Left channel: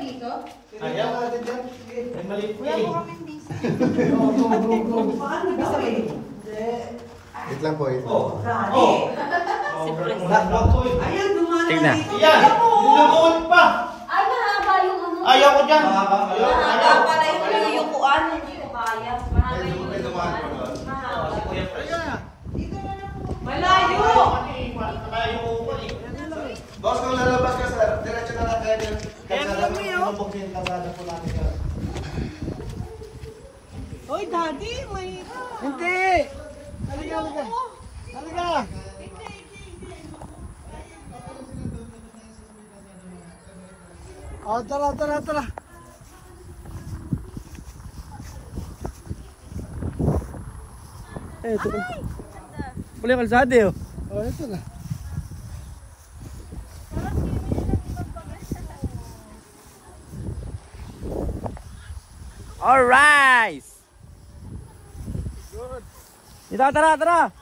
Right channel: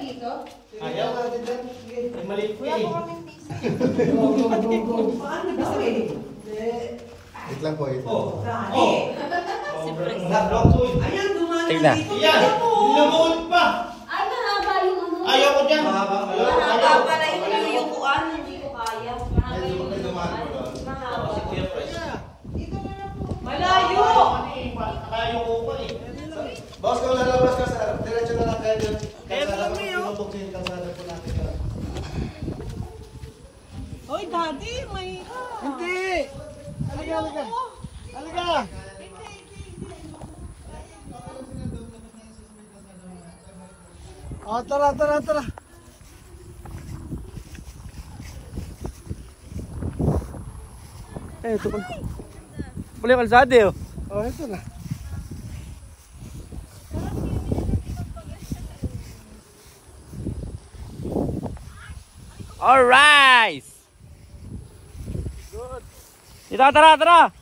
dito? Ayaw natin dyan. Eh, maliit ko eh. Paano daw eh? Wait lang po eh. Oh. Ayan, dumaan Tignan. dito. Yan! Lumuot pa! Ay, mahaba yung ano. Ayaw ko dyan! Mahaba pala yung kuan. Hindi ko kaya. Malayo! Boss, kung lalabas ka sir, diretso na lang kayo. Pinubukin ka ba na po natin ka? Oy, daddy, may... Hindi! Halika, halika. Halika! Oh, tara, tara, tara. Eh, ito pala. Pula yung kalsada eh. Oh, ito na. Alright! Good. Dito, tara, tara!